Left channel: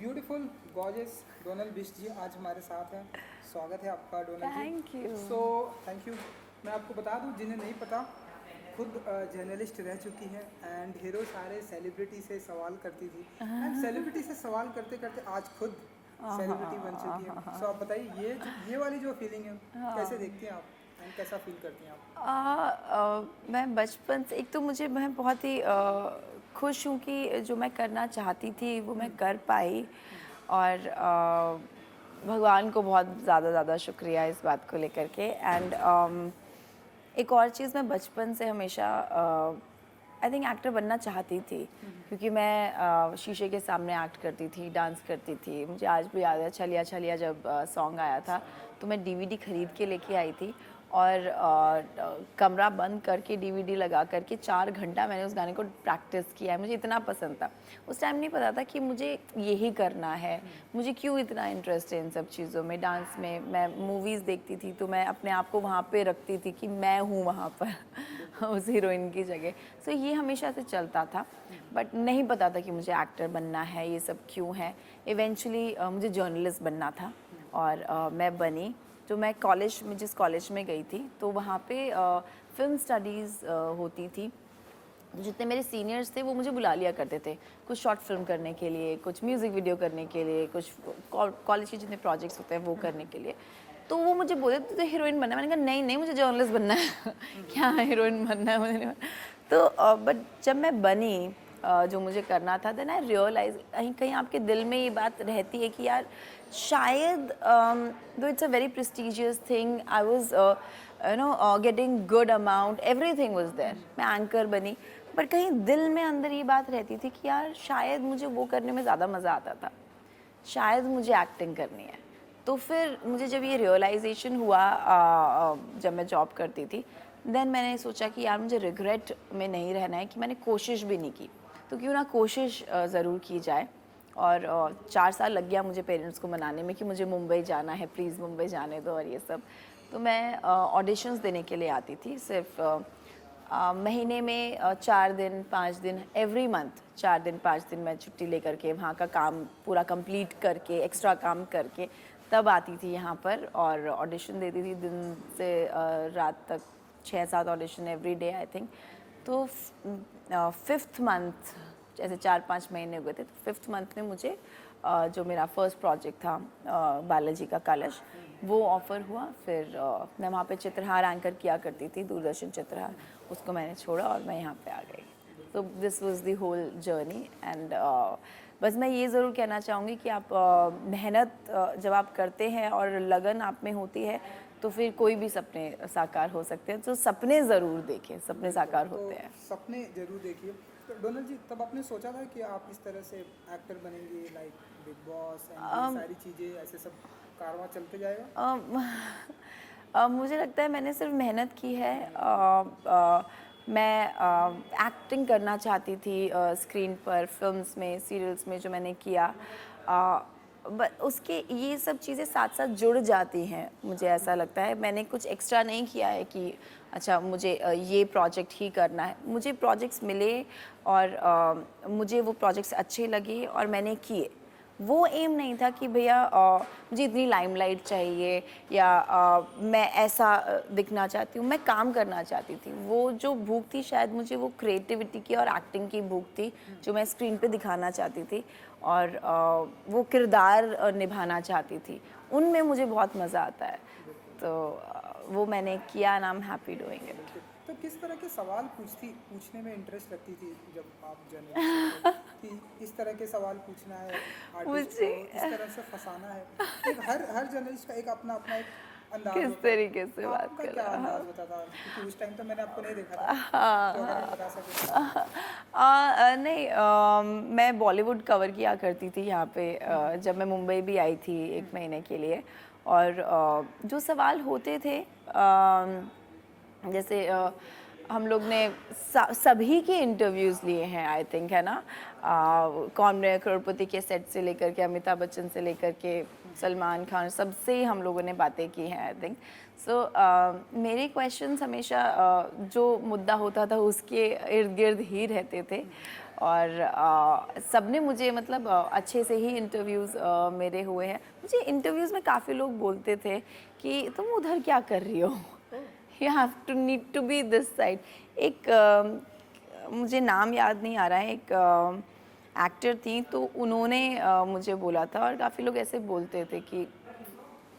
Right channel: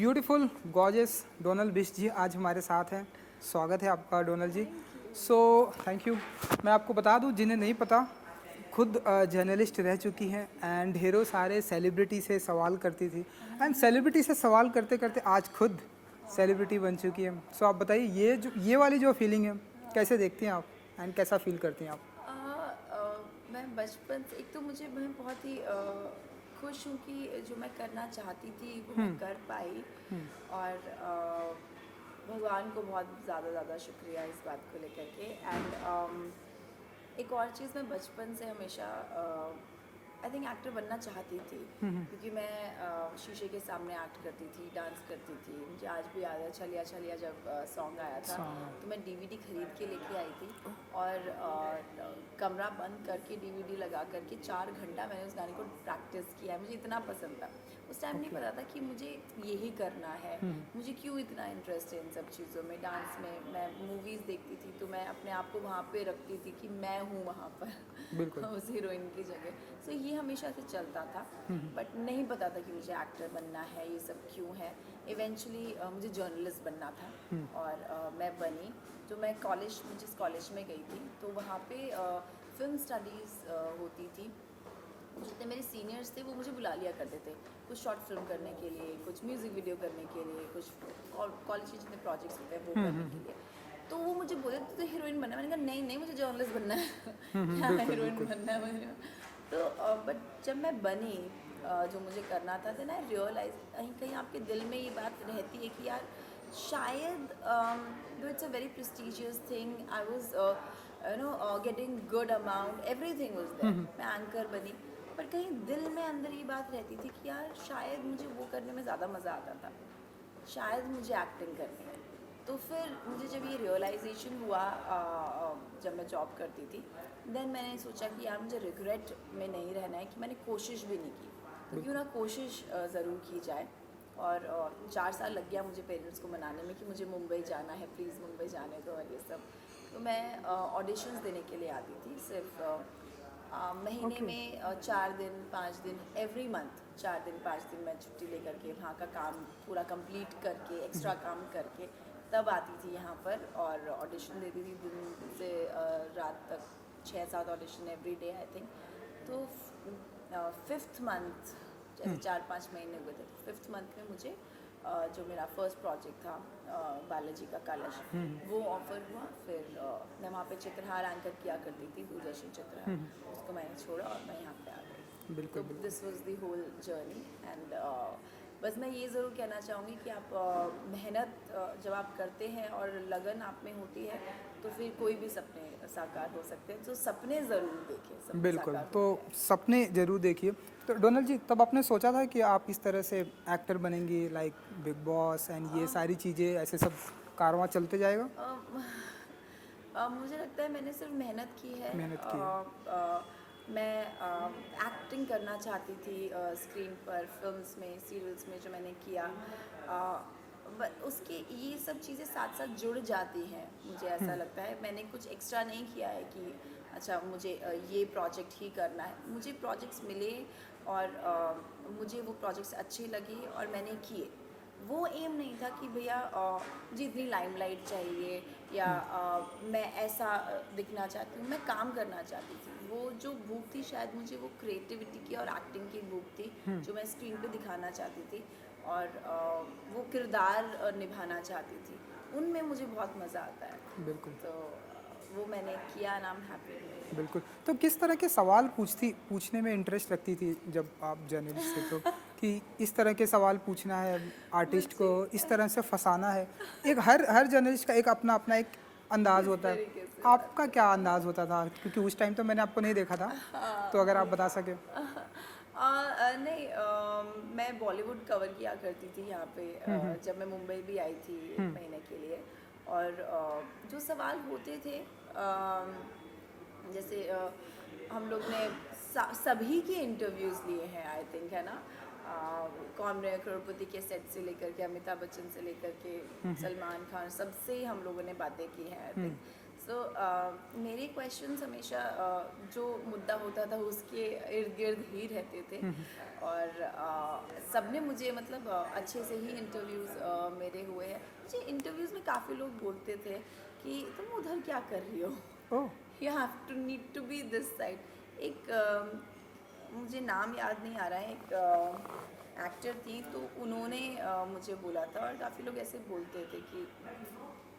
Beautiful gorgeous Donal Bisht ji आज हमारे साथ हैं। स्वागत है आपका Donal ji. Thank you. Thank you. मैं आपको बता दूं, जिन्हें नहीं पता, खुद जर्नलिस्ट रह चुकी हैं एंड ढेरों सारे सेलिब्रिटी से सवाल करती थी एंड सेलिब्रिटी से सवाल करते करते आज खुद सेलिब्रिटी बन चुकी है। आप बताइए, ये वाली जो फीलिंग है कैसे देखती हैं आप एंड कैसा फील करती हैं आप? मैं बचपन से एक तो मैं बहुत ही खुश हूँ कि जो मैं करना चाहती थी वो मैं कर पाई। और भगवान को बहुत ज़्यादा शुक्रिया इस बात को लेकर के। एंड एक और चीज़, मैं बचपन से हमेशा आई थिंक एक्टर बनना चाहती थी, क्योंकि मैं शीशे के सामने एक्ट करती थी, डांस करती थी। मुझे आज भी याद है, छलिया छलिया जब सॉन्ग आया था तो मैं डीवीडी खरीद के लेके आई थी और कमरा बंद करके डीवीडी लगा करके 4 घंटा मैंने उस गाने को प्रैक्टिस किया है। मुझे इतना पसंद था। उस टाइम नहीं पता था कि मुझे यही करना है, मुझे क्यों इतना इंटरेस्ट है इन सब चीज़ों में, डांस में। मैं मूवीज़ देखती थी तो मैं अपने आप को वहाँ पे रखती थी कि मैं हूँ वहाँ पर उस हीरोइन की जगह। सो ये हमेशा से चलता था, बट नहीं पता था कि मुझे एक्टर बनना है, ये सब क्यों है। इवेंचुअली मुझे जर्नलिस्ट बनना था और मैं बनी। तो मैं कॉलेज में, जिस कॉलेज में गई थी, तो वहाँ पे फिल्म स्टडीज़ होती थी। जितने मेरे सीनियर्स थे वो मुझे बुला लिया करते थे, कुछ शॉर्ट फिल्म करने के लिए, कुछ म्यूज़िक वीडियो करने के लिए, कुछ कॉलेज के जितने प्रोजेक्ट्स होते हैं वो करने के लिए। तो वो मुझे बोले तो हीरोइन बनना है। मैंने कहा नहीं नहीं, मुझे जर्नलिस्ट बनना है। क्या हीरोइन बनना है मुझे नहीं बनना। तो बट जब मैं बनी, जो मुझे करना था, देन आई रियलाइज, कहीं कहीं आपके दिल में ये बात रहती है कि यार शायद though it's a very prestigious thing, I was getting good amount, everything was there. मैं एंकर बनी, बट कहीं दिल में अंदर ये बात रहती थी कि यार शायद मुझे वो करने में ज़्यादा मज़ा आता था, शायद मुझे एक्टिंग करनी है। तो फिर मुझे जब ये रियलाइजेशन हुआ, जब मैं जॉब करती थी, देन मैंने सोचा कि यार मुझे रिग्रेट में नहीं रहना है कि मैंने कोशिश भी नहीं की, तो क्यों ना कोशिश ज़रूर की जाए। और 4 साल लग गया मुझे पेरेंट्स को मनाने में कि मुझे मुंबई जाना है, प्लीज़ मुंबई जाने दो और ये सब। तो मैं ऑडिशंस देने के लिए आती थी, सिर्फ महीने में 4 दिन 5 दिन, एवरी मंथ 4 दिन 5 दिन मैं छुट्टी लेकर के वहाँ का काम पूरा कंप्लीट करके, एक्स्ट्रा काम करके तब आती थी यहाँ पर और ऑडिशन देती थी। दिन से रात तक 6-7 audition every day I think. तो 5th मंथ, जैसे 4-5 महीने हो गए थे, तो 5th मंथ में मुझे जो मेरा फर्स्ट प्रोजेक्ट था बालाजी का कलश, वो ऑफ़र हुआ। फिर मैं वहाँ पे चित्रहार एंकर किया करती थी, दूरदर्शन चित्रहार। उसको मैंने छोड़ा और मैं यहाँ पे आ गई। तो this was the whole journey. And बस मैं ये ज़रूर कहना चाहूँगी कि आप मेहनत जब आप करते हैं और लगन आप में होती है, तो फिर कोई भी सपने साकार हो सकते हैं। तो सपने ज़रूर देखें, सपने साकार तो होते हैं। सपने जरूर देखिए। तो डोनल जी, तब आपने सोचा था कि आप इस तरह से एक्टर बनेंगी, लाइक बिग बॉस एंड ये सारी चीज़ें, ऐसे सब कारवां चलते जाएगा? मुझे लगता है मैंने सिर्फ मेहनत की है। मेहनत की मैं एक्टिंग करना चाहती थी स्क्रीन पर, फिल्म्स में, सीरियल्स में जो मैंने किया। उसके ये सब चीज़ें साथ साथ जुड़ जाती हैं, मुझे ऐसा लगता है। मैंने कुछ एक्स्ट्रा नहीं किया है कि अच्छा मुझे ये प्रोजेक्ट ही करना है। मुझे प्रोजेक्ट्स मिले और मुझे वो प्रोजेक्ट्स अच्छे लगे और मैंने किए। वो एम नहीं था कि भैया मुझे इतनी लाइमलाइट चाहिए या मैं ऐसा दिखना चाहती हूँ। मैं काम करना चाहती थी। वो जो भूख थी, शायद मुझे वो क्रिएटिविटी की और एक्टिंग की भूख थी, जो मैं स्क्रीन पे दिखाना चाहती थी और वो किरदार निभाना चाहती थी। उनमें मुझे बहुत मज़ा आता है। बिल्कुल तो वो मैंने किया and I am happy doing it. बिल्कुल। तो किस तरह के सवाल पूछने में इंटरेस्ट रखती थी जब आप जर्नलिस्ट थे? तो कि इस तरह के सवाल पूछना है आर्टिस्ट को, मुझे इस तरह से फंसाना है। एक हर जर्नलिस्ट का एक अपना अपना एक अंदाज किस होता है। तरीके से बात आपका कर क्या रहा अंदाज होता था? क्योंकि उस टाइम तो मैंने आपको नहीं देखा था, हाँ, तो अगर आप बता सके। नहीं, मैं बॉलीवुड कवर किया करती थी यहाँ पे, जब मैं मुंबई भी आई थी 1 महीने के लिए। और जो सवाल होते थे, जैसे हम लोग ने सभी के इंटरव्यूज़ लिए हैं आई थिंक, है ना। कौन बनेगा करोड़पति के सेट से लेकर के, अमिताभ बच्चन से लेकर के सलमान खान, सबसे हम लोगों ने बातें की हैं आई थिंक। सो मेरे क्वेश्चंस हमेशा जो मुद्दा होता था उसके इर्द गिर्द ही रहते थे। और सबने मुझे मतलब अच्छे से ही इंटरव्यूज़ मेरे हुए हैं। मुझे इंटरव्यूज़ में काफ़ी लोग बोलते थे कि तुम उधर क्या कर रही हो, you have to need to be this side. एक मुझे नाम याद नहीं आ रहा है, एक एक्टर थी, तो उन्होंने मुझे बोला था, और काफ़ी लोग ऐसे बोलते थे कि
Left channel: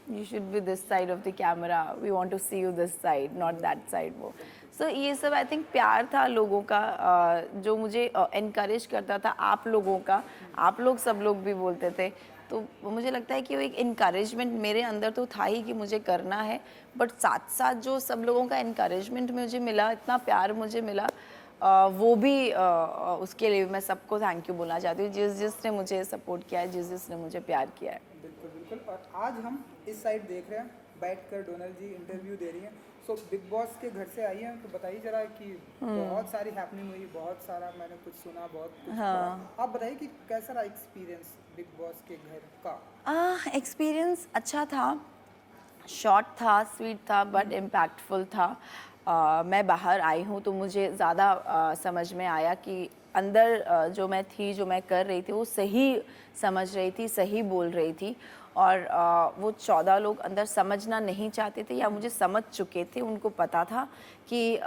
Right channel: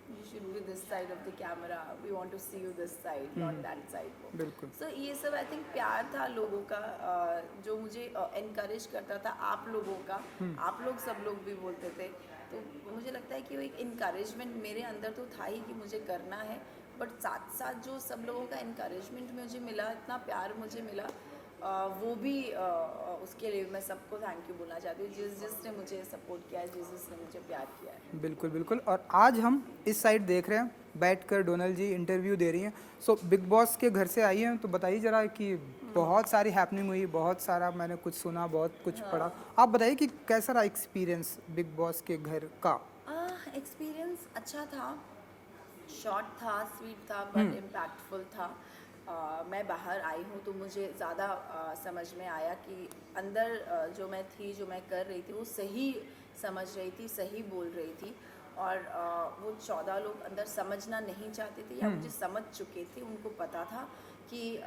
you should be this side of the camera, we want to see you this side, not that side। वो so ये सब आई थिंक प्यार था लोगों का, जो मुझे encourage करता था, आप लोगों का, आप लोग सब लोग भी बोलते थे। तो मुझे लगता है कि वो एक encouragement मेरे अंदर तो था ही कि मुझे करना है, बट साथ साथ जो सब लोगों का encouragement मुझे मिला, इतना प्यार मुझे मिला, वो भी उसके लिए मैं सबको थैंक यू बोलना चाहती हूँ, जिसने मुझे सपोर्ट किया है, जिसने मुझे प्यार किया है। बिल्कुल बिल्कुल। और आज हम इस साइड देख रहे हैं, बैठकर डोनल जी इंटरव्यू दे रही हैं। सो बिग बॉस के घर से आई हैं, तो बताइए जरा कि बहुत सारी हैपनिंग हुई, बहुत सारा मैंने कुछ सुना, बहुत कुछ पढ़ा। आप बताइए कि कैसा रहा एक्सपीरियंस बिग बॉस के घर का? एक्सपीरियंस अच्छा था, शॉर्ट था, स्वीट था, बट इम्पैक्टफुल था। मैं बाहर आई हूँ तो मुझे ज़्यादा समझ में आया कि अंदर जो मैं थी, जो मैं कर रही थी, वो सही समझ रही थी, सही बोल रही थी। और वो 14 लोग अंदर समझना नहीं चाहते थे या मुझे समझ चुके थे, उनको पता था कि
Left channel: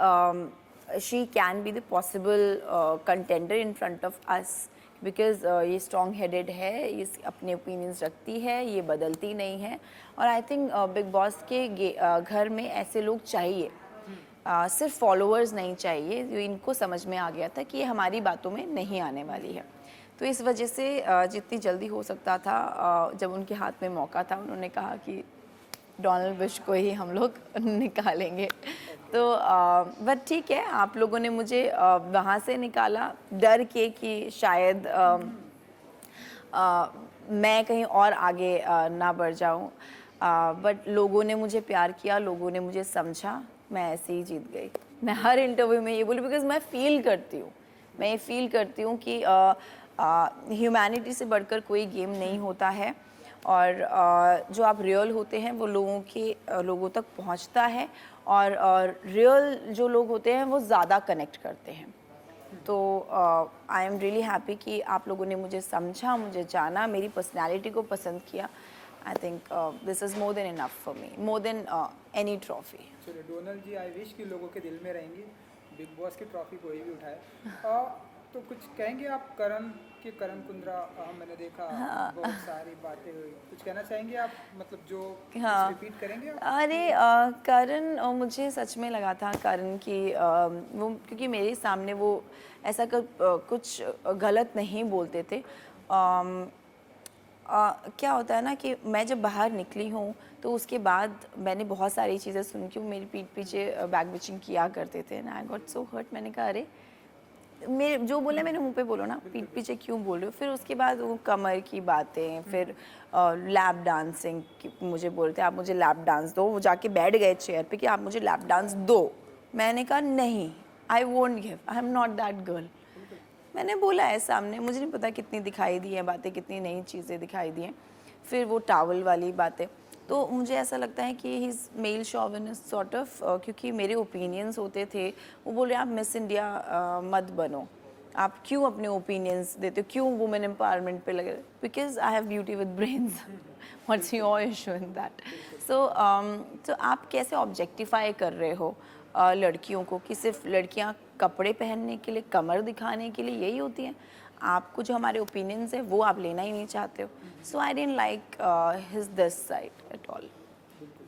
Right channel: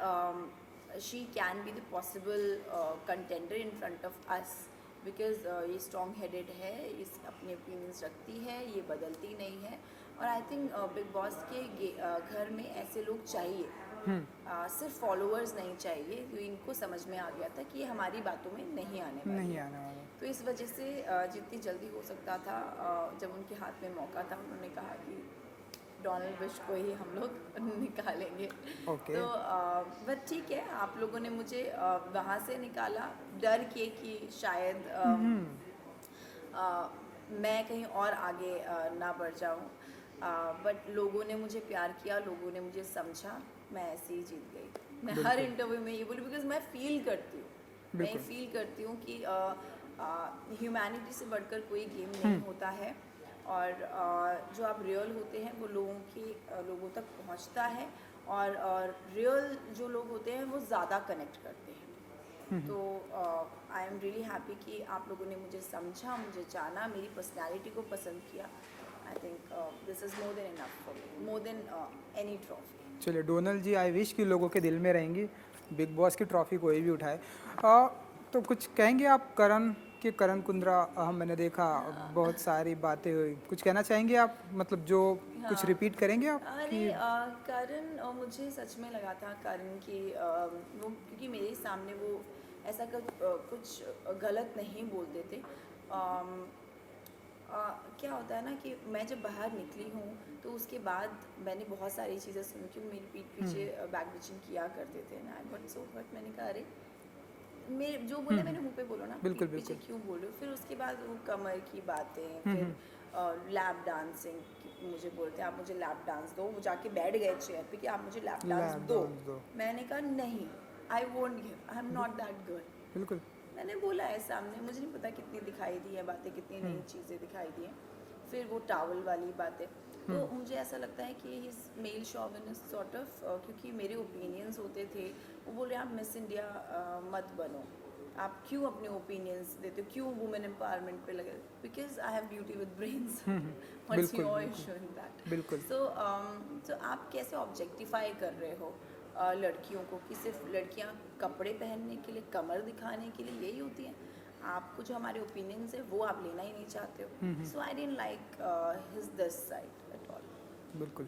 she can be the possible contender in front of us, because ये स्ट्रॉन्ग हेडेड है, ये अपने ओपिनियंस रखती है, ये बदलती नहीं है। और आई थिंक बिग बॉस के घर में ऐसे लोग चाहिए, सिर्फ फॉलोअर्स नहीं चाहिए। जो इनको समझ में आ गया था कि ये हमारी बातों में नहीं आने वाली है। तो इस वजह से जितनी जल्दी हो सकता था, जब उनके हाथ में मौका था, उन्होंने कहा कि डोनाल्ड बुश को ही हम लोग निकालेंगे। तो बट ठीक है, आप लोगों ने मुझे वहाँ से निकाला डर के कि शायद मैं कहीं और आगे ना बढ़ जाऊँ, बट लोगों ने मुझे प्यार किया, लोगों ने मुझे समझा, मैं ऐसे ही जीत गई। मैं हर इंटरव्यू में ये बोली, बिकॉज मैं फील करती हूँ, मैं ये फील करती हूँ कि ह्यूमैनिटी से बढ़कर कोई गेम नहीं होता है। और जो आप रियल होते हैं वो लोगों तक पहुंचता है, और रियल जो लोग होते हैं वो ज़्यादा कनेक्ट करते हैं। तो आई एम रियली हैप्पी कि आप लोगों ने मुझे समझा, मुझे जाना, मेरी पर्सनैलिटी को पसंद किया। आई think this is more than enough for me, more than any trophy. चलिए डोनल जी, आई विश कि लोगों के दिल में रहेंगी, बिग बॉस की ट्रॉफी कोई भी उठाए। तो कुछ कहेंगे आप करण कुंद्रा, मैंने देखा बहुत सारी बातें हुई, कुछ कहना चाहेंगे आप, मतलब जो कुछ रिपीट करेंगे आप? अरे करण, मुझे सच में लगा था करण की वो, क्योंकि मेरे सामने वो ऐसा कुछ गलत नहीं बोलते थे। क्या होता है ना कि मैं जब बाहर निकली हूँ तो उसके बाद मैंने बहुत सारी चीज़ें सुनी कि वो मेरी पीठ पीछे बैक बिचिंग किया करते थे, and I got so hurt. मैंने कहा अरे, मेरे जो बोले मैंने मुंह पे बोलो ना, पीठ पीछे क्यों बोल रहे हो। फिर उसके बाद वो कमर की बातें, फिर लैप डांसिंग मुझे बोलते आप मुझे लैप डांस दो, वो जाके बैठ गए चेयर पे कि आप मुझे लैप डांस दो। मैंने कहा नहीं, I won't give, I am not that girl. मैंने बोला है सामने, मुझे नहीं पता कितनी दिखाई दी हैं बातें, कितनी नई चीज़ें दिखाई दी हैं। फिर वो टावल वाली बातें, तो मुझे ऐसा लगता है कि he is male chauvinist sort of, क्योंकि मेरे ओपिनियंस होते थे। वो बोल रहे आप मिस इंडिया मत बनो, आप क्यों अपने ओपिनियंस देते हो, क्यों वुमेन एम्पावरमेंट पे लगे, because I have beauty with brains, what's your issue in that. So आप कैसे ऑब्जेक्टिफाई कर रहे हो लड़कियों को, कि सिर्फ लड़कियां कपड़े पहनने के लिए, कमर दिखाने के लिए यही होती हैं। आपको जो हमारे ओपिनियंस है वो आप लेना ही नहीं चाहते हो। So I didn't like his this side at all. बिल्कुल,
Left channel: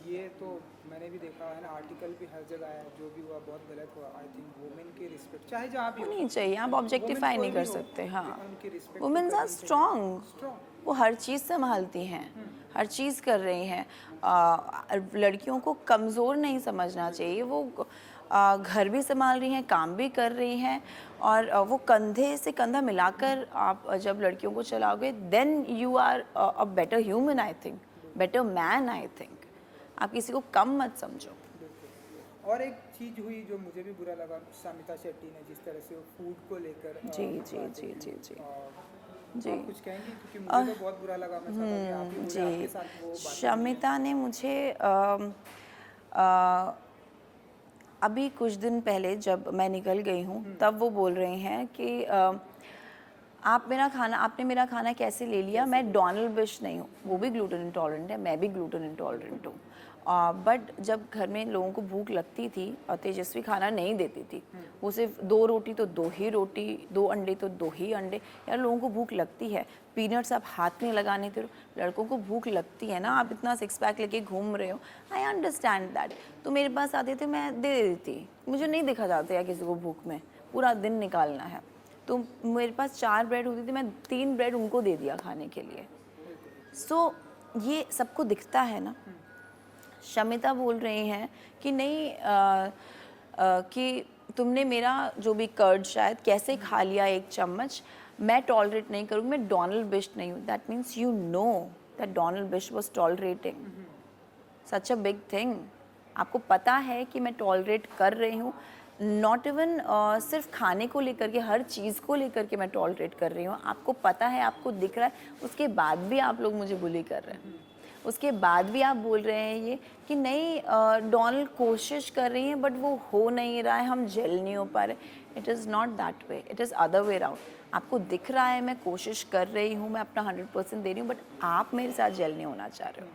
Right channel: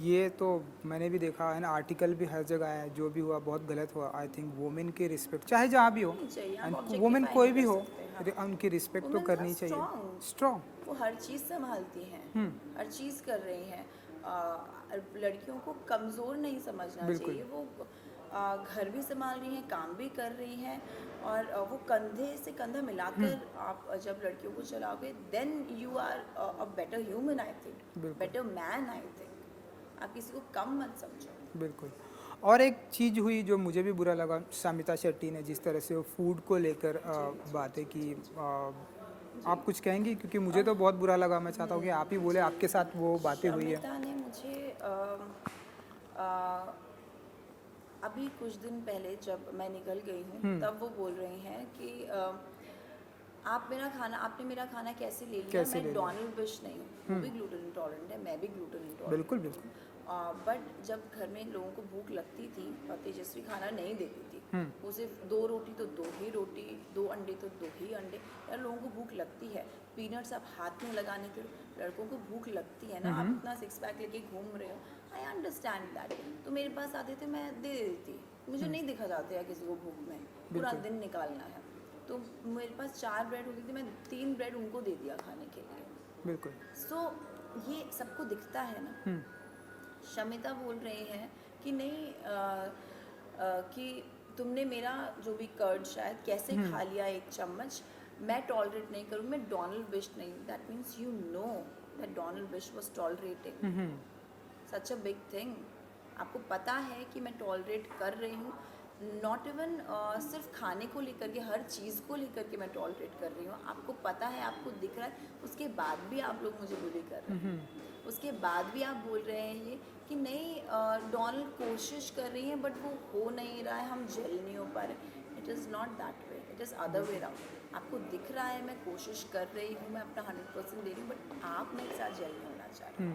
ये तो मैंने भी देखा है ना, आर्टिकल भी हर जगह है, जो भी हुआ बहुत गलत हुआ। आई थिंक वुमेन की रिस्पेक्ट चाहे जहाँ भी हो नहीं चाहिए, आप ऑब्जेक्टिफाई नहीं कर सकते। हाँ, उनकी रिस्पेक्ट तो वुमेन्स आर करनी चाहिए। स्ट्रॉन्ग, वो हर चीज़ संभालती हैं, हर चीज़ कर रही हैं। लड़कियों को कमज़ोर नहीं समझना चाहिए। वो घर भी संभाल रही हैं, काम भी कर रही हैं, और वो कंधे से कंधा मिलाकर आप जब लड़कियों को चलाओगे, then you are a better human, I think, better man, I think. आप किसी को कम मत समझो। बिल्कुल। और एक चीज़ हुई जो मुझे भी बुरा लगा, सामिता शेट्टी ने जिस तरह से वो फूड को लेकर बातें की। आप कुछ कहेंगी, क्योंकि मुझे तो बहुत बुरा लगा। मैं चाहता हूँ कि आप ही बोले, आपके साथ वो बातें हुई हैं। शमिता ने मुझे अभी कुछ दिन पहले जब मैं निकल गई हूँ तब वो बोल रहे हैं कि आपने मेरा खाना कैसे ले लिया, मैं डोनाल्ड बिश नहीं हूँ, वो भी ग्लूटेन इंटॉलरेंट है, मैं भी ग्लूटेन इंटॉलरेंट हूँ। बट जब घर में लोगों को भूख लगती थी और तेजस्वी खाना नहीं देती थी, वो सिर्फ 2 रोटी तो 2 ही रोटी, 2 अंडे तो 2 ही अंडे। यार लोगों को भूख लगती है, पीनट्स आप हाथ में लगाने थे, लड़कों को भूख लगती है ना, आप इतना 6 पैक लेके घूम रहे हो, आई अंडरस्टैंड दैट। तो मेरे पास आते थे, मैं दे देती, मुझे नहीं देखा जाता है किसी को भूख में, पूरा दिन निकालना है। तो मेरे पास 4 ब्रेड होती थी, मैं 3 ब्रेड उनको दे दिया खाने के लिए। बिल्कुल। सो ये सबको दिखता है ना। शमिता बोल रही हैं कि नहीं कि तुमने मेरा जो भी कर्ड शायद कैसे खा लिया 1 चम्मच, मैं टॉलरेट नहीं करूँ, मैं डोनाल्ड बिश नहीं हूँ। That means you know that Donal Bisht was tolerating such a big thing. आपको पता है कि मैं टॉलरेट कर रही हूँ, नॉट इवन सिर्फ खाने को लेकर के, हर चीज़ को लेकर के मैं टॉलरेट कर रही हूँ। आपको पता है, आपको दिख रहा है, उसके बाद भी आप लोग मुझे बुली कर रहे हैं। उसके बाद भी आप बोल रहे हैं ये कि नहीं डोनाल्ड कोशिश कर रही हैं बट वो हो नहीं रहा है, हम जेल नहीं हो पा रहे। It is not that way, it is other way round. आपको दिख रहा है मैं कोशिश कर रही हूँ, मैं अपना 100% दे रही हूँ, बट आप मेरे साथ जेल नहीं होना चाह रहे हो।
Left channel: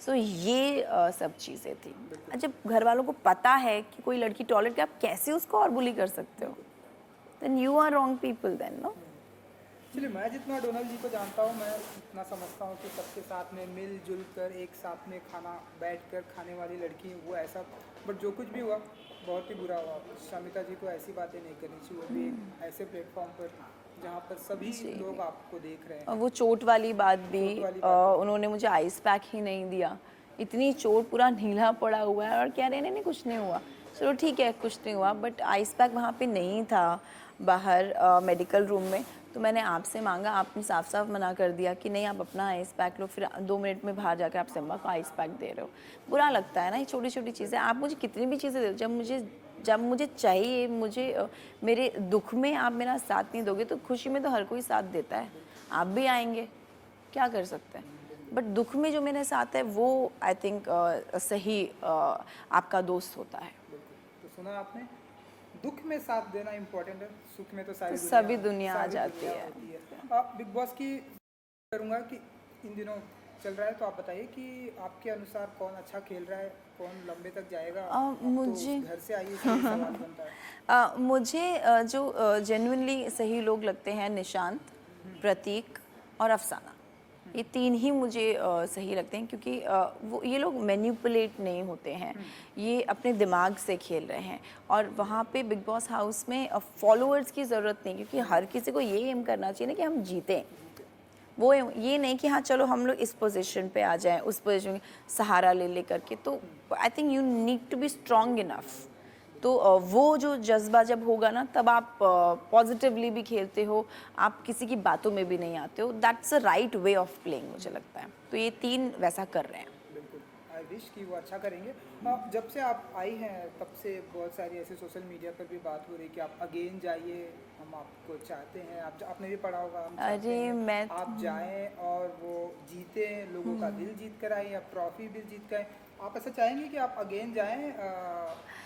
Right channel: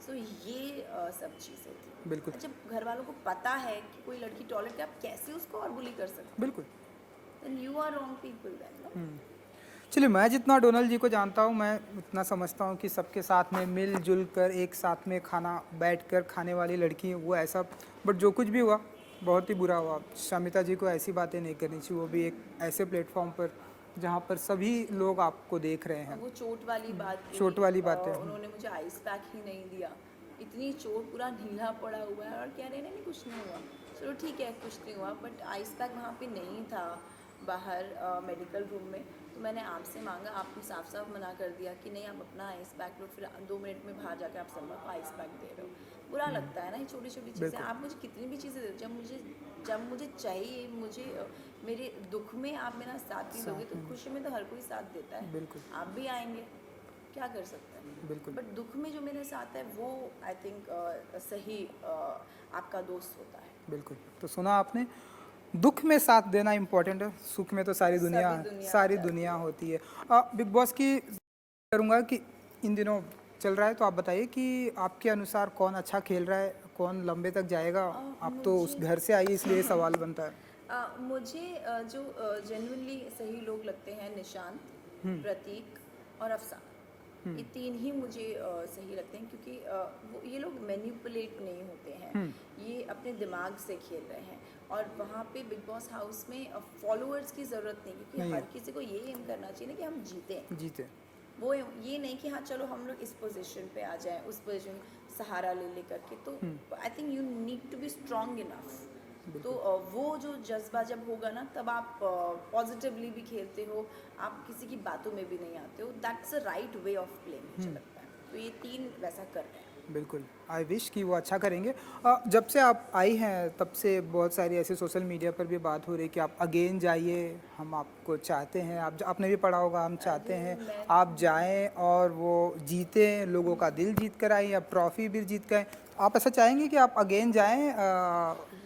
सो ये सब चीज़ें थी। बिल्कुल। जब घर वालों को पता है कि कोई लड़की टॉयलेट के, आप कैसे उसको और बुली कर सकते हो? बिल्कुल। Then you are wrong people then, no? चलिए, मैं जितना डोनाल्ड जी को जानता हूँ, मैं उतना समझता हूँ कि सबके साथ में मिलजुल कर एक साथ में खाना बैठकर खाने वाली लड़की वो ऐसा, बट जो कुछ भी हुआ बहुत ही बुरा हुआ। शमिता जी को ऐसी बातें नहीं करनी चाहिए, वो भी एक ऐसे प्लेटफॉर्म पर जहाँ पर सभी लोग आपको देख रहे हैं। वो चोट वाली बात भी, चोट वाली बात उन्होंने मुझे आइस पैक ही नहीं दिया। इतनी चोट, पूरा नीला पड़ा हुआ है और कह रहे हैं नहीं कुछ नहीं हुआ। चलो ठीक है, कुछ नहीं हुआ, बट आइस पैक वहाँ पे नहीं था बाहर मेडिकल रूम में। तो मैंने आपसे मांगा, आपने साफ साफ मना कर दिया कि नहीं आप अपना आइस पैक लो, फिर 2 मिनट में बाहर जाकर आप सिम्बा को आइस पैक दे रहे हो। बुरा लगता है ना ये छोटी छोटी चीज़ें। आप मुझे कितनी भी चीज़ें दे दो, जब मुझे चाहिए, मेरे दुख में आप मेरा साथ नहीं दोगे, तो खुशी में तो हर कोई साथ देता है। आप भी आएंगे, क्या कर सकते हैं। बट दुख में जो मेरे साथ है वो आई थिंक सही आपका दोस्त होता है। बिल्कुल। तो सुना आपने, दुख में साथ देना इम्पोर्टेंट है, सुख में तो सारी दुनिया होती है। बिग बॉस की करूँगा कि इन दिनों चल रहा है, तो आप बताइए कि आपके अनुसार कौन अच्छा खेल रहा है, कौन लंबे तक जाएगा? आप तो उस घर से आई, इसलिए सवाल बनता है। मुझे जो जेन्युइनली सही लोग लगते हैं, निशांत, प्रतीक और अफसाना, ये 3 ही मुझे सही लगते हैं, क्योंकि वो ये लोग मैनिपुलेट नहीं होते हैं, ये अपने दिमाग से खेल रहे हैं। और वहाँ पे बिग बॉस हाउस में फॉलोअर्स की ज़रूरत नहीं, क्योंकि हर किसी को ये एम करना चाहिए ना कि हम जीतें। वो ये नहीं कि हाँ चलो हम लोग इस पोजीशन पे आ जाएं, उस पोजीशन में सहारा ले करके। तो I think you need to be strong enough. तो वो जो जज्बा जब होगा ना, तब आप पॉजिटिवली भी खेलते हो, आप किसी की बातों में भी नहीं आते हो। That's a right way of playing, मुझे लगता है। तो ये 3 वैसा कर रहे हैं। बिल्कुल, आई विश कि वो अच्छा करेंगे। जब से आप आई हैं तब से बहुत सारी ऐसे सोशल मीडिया पर भी बात हो रही है कि आप अगेन जाइए, हम आपको चाहते हैं। आपने भी पढ़ा होगा, हम चाहते हैं आप जाएं और वो जीतें, लोगों का दिल जीत कर आए, या ट्रॉफी भी जीत कर। आप ऐसा चाहेंगे कि आप अगेन जाएं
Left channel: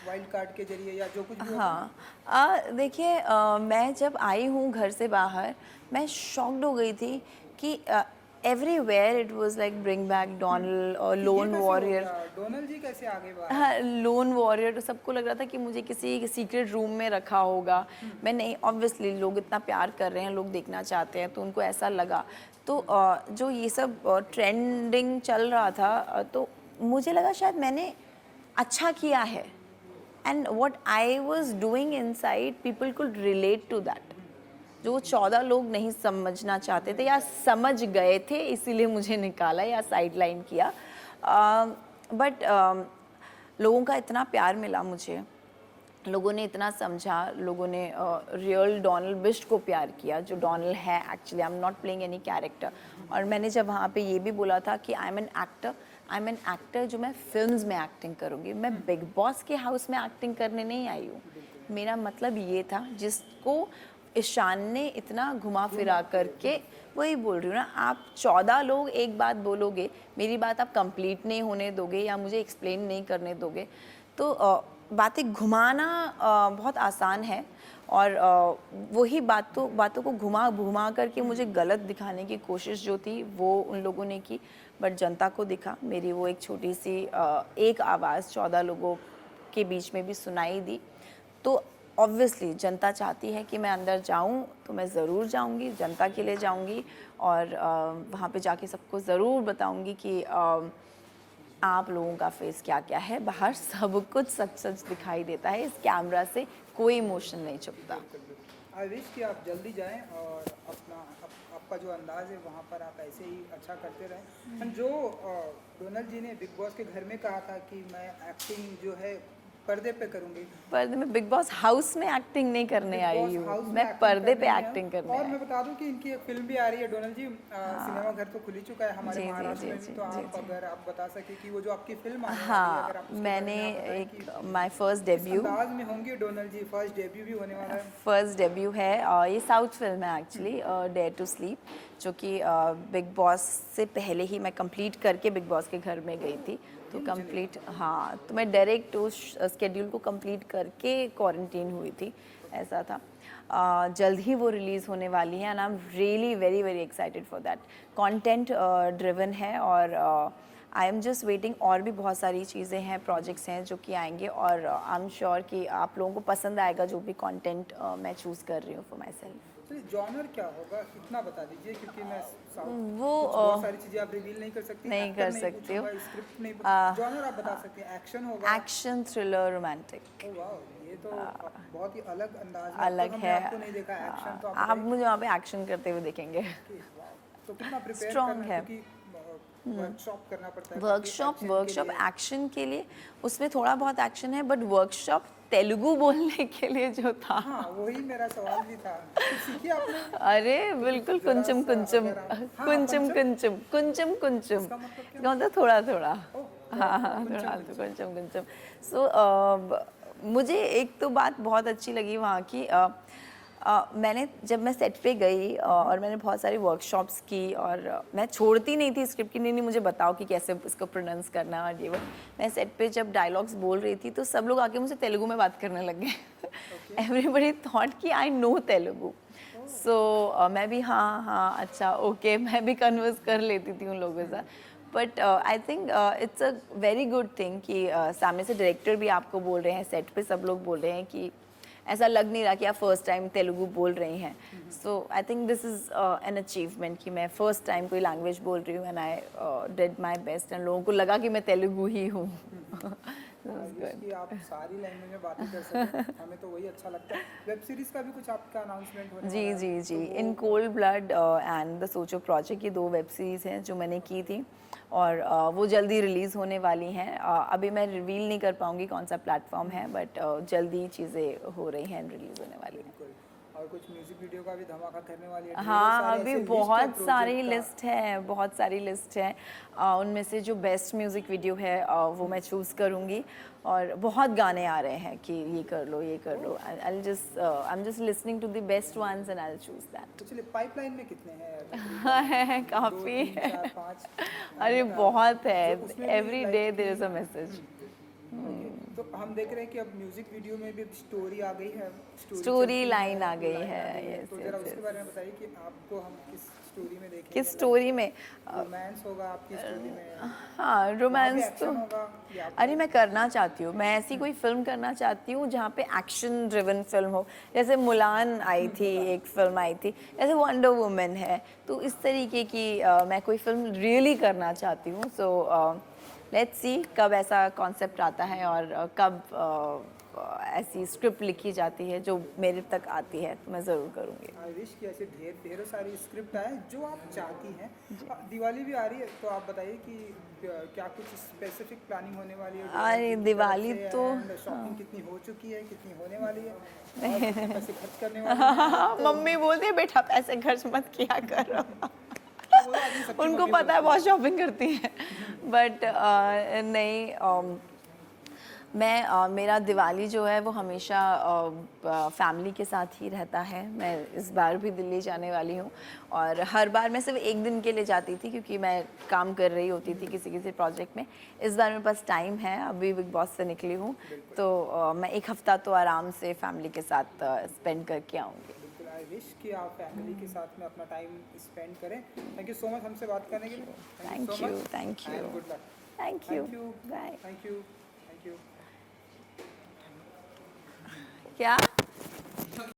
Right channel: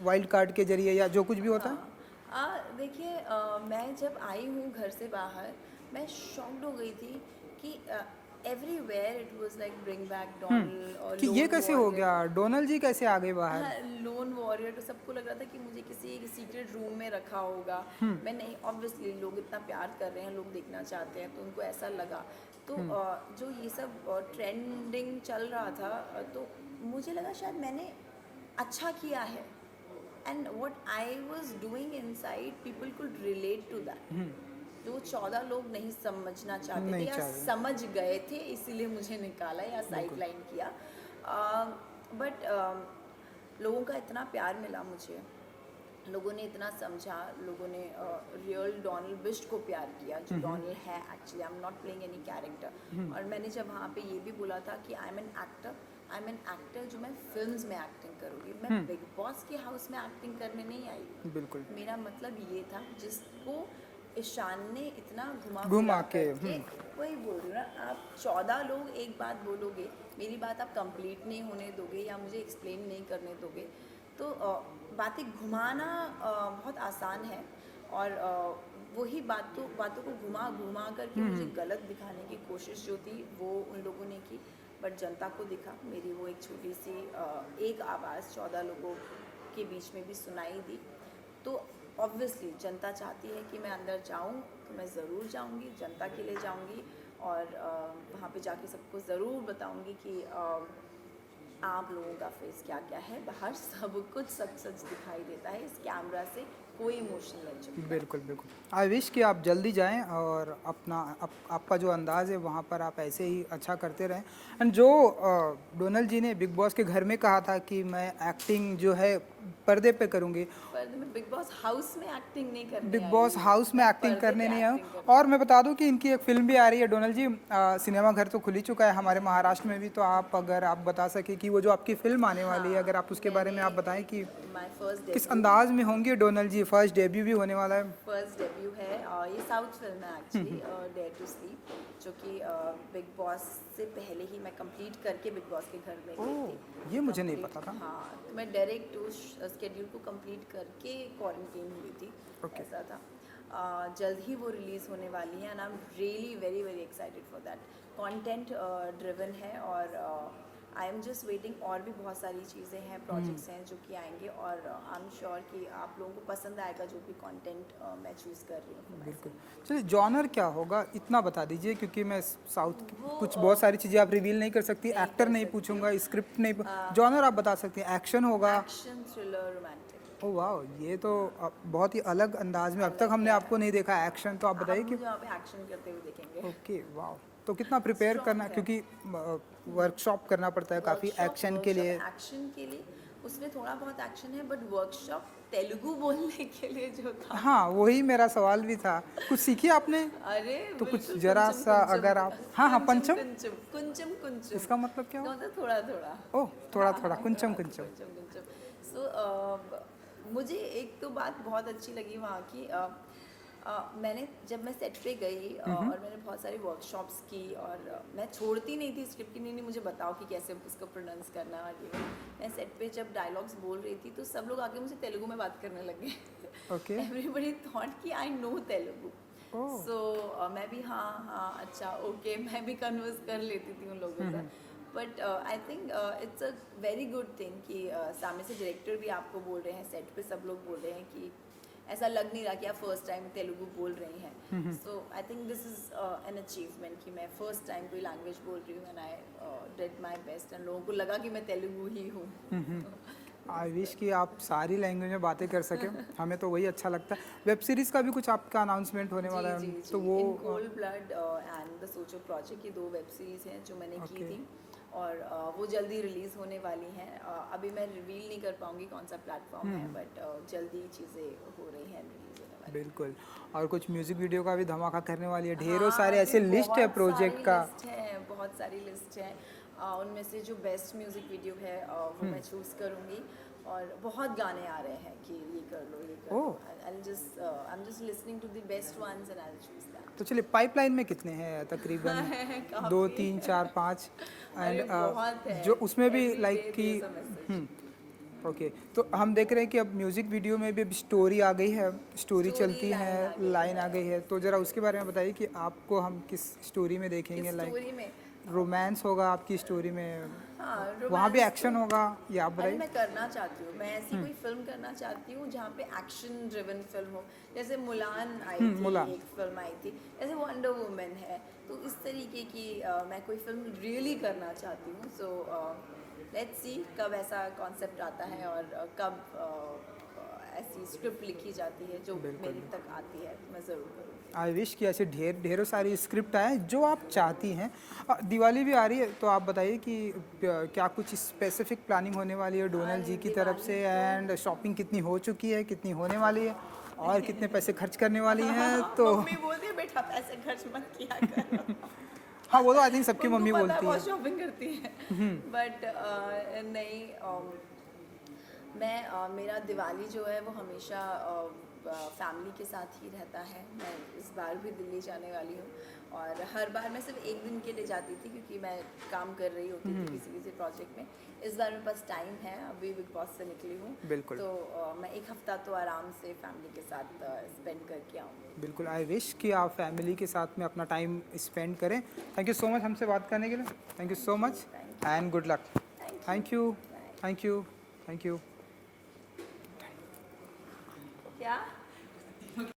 वाइल्ड कार्ड के जरिए, या जो कुछ भी होता है? हाँ, देखिए मैं जब आई हूँ घर से बाहर, मैं शॉक्ड हो गई थी कि everywhere it was like bring back Donald और लोन वॉरियर। डोनाल्ड जी कैसे आगे बाहर? हाँ, लोन वॉरियर। सबको लग रहा था कि मुझे किसी सीक्रेट रूम में रखा होगा। मैं नहीं, ऑब्वियसली लोग इतना प्यार कर रहे हैं, लोग देखना चाहते हैं, तो उनको ऐसा लगा। तो जो ये सब ट्रेंडिंग चल रहा था, तो मुझे लगा शायद मैंने अच्छा किया है, and what I was doing inside people could relate to that. जो 14 लोग नहीं समझना चाहते थे या समझ गए थे, इसीलिए मुझे निकाला या साइडलाइन किया। बट लोगों का इतना प्यार मिला मुझे, लोगों ने इतना समझा, लोगों ने रियल डोनाल्ड बिश को प्यार किया, जो डोनाल्ड है actually. I am not playing any character. और मैंने जब वहाँ पे ये भी बोला था कि आई एम एन एक्टर जो मैं फिल्म्स में एक्टिंग करूँगी, मैं बिग बॉस के हाउस में एक्टिंग करने नहीं आई हूँ। मेरा मतलब ये था, जिसको ईशान ने इतना घुमा घुमा फिरा के, करके, वही बोल रही हूँ ना, आप 14 लोग एक बात बोलोगे, मेरी बात आप कंप्लीट नहीं होने दोगे या मुझे एक्सप्लेन नहीं करने दोगे, तो बातें घुमाना बहुत आसान है, और वही बातों को घुमा घुमा करके मुझे गलत दिखाने की कोशिश जो थी वो उन लोगों ने की, बट जनता को दिखा मेरी वो एक छोटी सी एक आवाज़ 14 लोगों के बीच में भी सुनाई दी। तो ऑब्वियसली जनता चाहती है कि मैं अंदर जाऊं, तो मैं ज़रूर जाऊंगी, जनता के लिए जाऊंगी, और वहाँ पे जाके सबको ज़रूर बताऊंगी कि आप लोगों का फेस क्या क्या है, बाहर सब कुछ सच सच दिखाई देता है, इस कैमरा से कोई इमोशन नहीं छुपता। बिल्कुल बिल्कुल। आई विश कि आप जल्दी जाएं और अपना आपका जो अंदाज़ है वहाँ पर आप ऐसे ही अच्छा करते रहें। एंड जो डोनल जी ने बिग बॉस के घर में कहा था कि मैं एक्टिंग जो है पर्दे पे करूँगी, पर मैं बिग बॉस हाउस में एक्टिंग नहीं करने बिग आई बॉस हूँ, हाउस में मैं एक्टिंग पर्दे करने पे नहीं एक्टिंग है। करने और मैं बता दूं कि इनकी एक फिल्म भी आ रही है डोनल जी, सिनेमा घर तो खुल ही चुका है हमारे जी, महाराष्ट्र जी, में भी, जी, तो आप अगर आप बता सके कि वो जो आपकी फिल्म आने वाली है, अगर आप उसके बारे में आप बताएं कि माय फर्स्ट किस डेब्यू, अंदाज में होंगे डोनल जी, फर्स्ट डेब्यू भी होने वाला है। फर्स्ट डेब्यू है, ये साउथ फिल्म है एक्चुअली, डेयर टू स्लीप, जो कि बिग बॉस से पहले ही मैं कंप्लीट करके बिग बॉस के घर में गई थी। ये तो मुझे नहीं कंप्लीट, पता था। हाँ, तो मैं डायरेक्ट उस स्केड्यूल को कंप्लीट करके क्वारंटीन हुई थी, ऐसा था। जल्द ही वो रिलीज़ होने वाली है, and I am really very very excited for that. Content driven है, और आई एम जस्ट वेटिंग, और भी बहुत सारी चीज़ें हैं, प्रोजेक्ट्स हैं जो कि आएंगे, और आई एम श्योर कि आप लोगों को पसंद आएगा जो भी कंटेंट मैं चूज़ कर रही हूँ फॉर माई सेल्फ। चलिए जॉनर क्या होगा इतना बता दीजिए, क्योंकि मैं साउथ वो कुछ बहुत सारी चीज़ें आप रिवील नहीं कर सकती, नहीं एक्टर कर नहीं सकती पूछूंगा, हूँ। स्क्रिप्ट नहीं, जॉनर आप बता सकते हैं, एक्शन होगा? एक्शन, थ्रिलर, रोमांटिक, ओह वाह, ये तो बहुत ही अलग अंदाज में, अब तक अलग हमने है। आपको नहीं देखा एक्शन, तो आप आप बताइए कि मुझे वहाँ पे एक्शन करते हुए देखेंगे। ओके वाह, तो कितना प्रिपेयर स्ट्रॉन्ग करना, है। क्योंकि वर्कशॉप करना पड़ता है काफ़ी एक्शन के लिए। एक्शन के लिए, उसमें थोड़ा बहुत एक्शन है, बट वर्कशॉप तेलुगु बोलने के लिए जो था, हाँ वही मेरा सवाल भी था, कुछ सीखी आपने? अरे तो बिल्कुल, कुछ जरा कुंचम सा कुंचम, अगर आप, हाँ हाँ कुंचम पंचम, कुंचम, कुंचम कुंचम, इसका मतलब क्या? मतलब थोड़ा थोड़ा, ओह थोड़ा थोड़ा, कुंचम कुंचम। कुंचम कुंचम। सो मुझे एक तो बात बहुत अच्छी लगी वहाँ की, मैंने जब मैं सेट पे गई और मैंने बहुत सारी वर्कशॉप्स की, और मैं छोड़ती नहीं थी स्क्रिप्ट की, नहीं मुझे बताओ कि कैसे इसको प्रोनाउंस करना है, और ये वो। मैं सेट पे जब डायलॉग्स बोल रही थी तो सब लोग आके मुझसे तेलुगु में बात करने लग ओके। गए। एवरीबडी थॉट कि आई नो तेलुगु। सो मैं भी हाँ अच्छा ओके, मैं भी कन्वर्स कर लेती थी उन लोगों के साथ। But I think it's a very good thing कि सामने से डायरेक्टर भी आपको बोल रहे हैं, सेट पे सब लोग बोल रहे हैं कि ऐसा लग नहीं रहा कि आप फर्स्ट टाइम तेलुगु बोल रही हैं। So I think this is an achievement कि मैं फर्स्ट टाइम कोई लैंग्वेज बोल रही हूँ, and I did my best, and लोगों को लगा कि मैं तेलुगु ही हूँ। आई विश कि आप सारी लैंग्वेज में बातें कर सकें, हमें तो वही अच्छा लगता है। वेब सीरीज़ का भी कुछ आपका अनाउंसमेंट होने वाला है? जी, तो वो in cold blood and the सोचो प्रोजेक्ट, ये 2 वेब सीरीज़ हैं जो मैंने की थी, और वो जल्दी रिलीज़ होने वाली हैं। अभी मैं रिवील नहीं कर पाऊँगी कौन सा प्लेटफॉर्म है, बट जल्दी चीज़ें हो रही हैं, रिलीज़ होने वाली हैं। बिल्कुल, और कुछ म्यूजिक वीडियो का भी धमाका करने वाली है, ढेरों हाँ, सारे अभी ऐसे लिस्ट है बहुत सारी प्रोजेक्ट का। लिस्ट है, बहुत सारी लिस्ट है। उनमें से जो बेस्ट म्यूज़िक वीडियो है वो मैं चूज़ करूँगी, और बहुत गाने आ रहे हैं कि ये कर लो, ये कर लो। I am just listening to the best ones and I will choose that. तो चलिए पाइपलाइन में कितने हैं तकरीबन? है 2 काफ़ी 3 4 5? अरे बहुत है, जो उसमें भी every day like there is a message. Okay, तो हम देख रहे हैं कि अब म्यूजिक वीडियो में भी अब स्टोरी आ गई है, स्टोरी चलती है, लाइन आ गई लाइन आ गई है, है, तो जरा उसके बारे में बताइए कि आपको हम किस स्टोरी में देखेंगे? किस स्टोरी में? रोमांस होगा आपकी स्टोरी में? हाँ, वहाँ रोमांस भी एक्शन होगा या आप अरे मैं करना चाहती हूँ, मैं ऐसी कोई फिल्म करना चाहती हूँ जहाँ पे एक्शन ड्रिवन फिल्म हो, जैसे मुलान आई थी, मुलान। एक फिल्म आई थी, जैसे वंडर वुमन है, तो इस तरीके की मैं कोई फिल्म रियली करना चाहती हूँ। सो लेट्स सी कब ऐसा कॉन्सेप्ट आता है, और कब ऐसी स्क्रिप्ट लिखी जाती है जो मेरे तक आती है, तो मैं ज़रूर करूँगी। आई विश कि ऐसे ढेरों सारी स्क्रिप्ट आए जो आप चाहती हैं। दिवाली भी आ रही है, तो आप बताइए कि क्या कुछ स्पेसिफिक प्लानिंग होने वाली है डोनल अरे जी की तरफ दिवाली से, तो एंड शॉपिंग कितनी हो चुकी है, कितनी होने वाली है, और कितने पैसे खर्च करने वाली हैं? तो मम्मी बोलती है बेटा पैसे खर्च मत किया करो। हाँ वो तो आई थिंक सबकी उनको मम्मी पता है बोलती बहुत है। शॉपिंग करती है, बट नहीं, मेरा दिवाली जो है वो हमेशा फैमिली के साथ ही रहता है। मैं इस बार भी दिल्ली जाने वाली हूँ और हर बार मैं सिर्फ एक दिन के लिए जाती थी क्योंकि मैं काम कर रही होती थी किसी किसी प्रोजेक्ट में। इस बार मेरे पास टाइम है, अभी बिग बॉस से निकली हूँ, बिल्कुल। तो मैं एक हफ्ता तो आराम से फैमिली के साथ स्पेंड करके आऊँगी। बिल्कुल, आई विश कि आप फैमिली के साथ में अपना टाइम स्पेंड करें। थैंक यू सो मच हमसे बात करने के लिए। Thank you so much thank you and good luck. Thank you thank you bye. Thank you thank you. क्या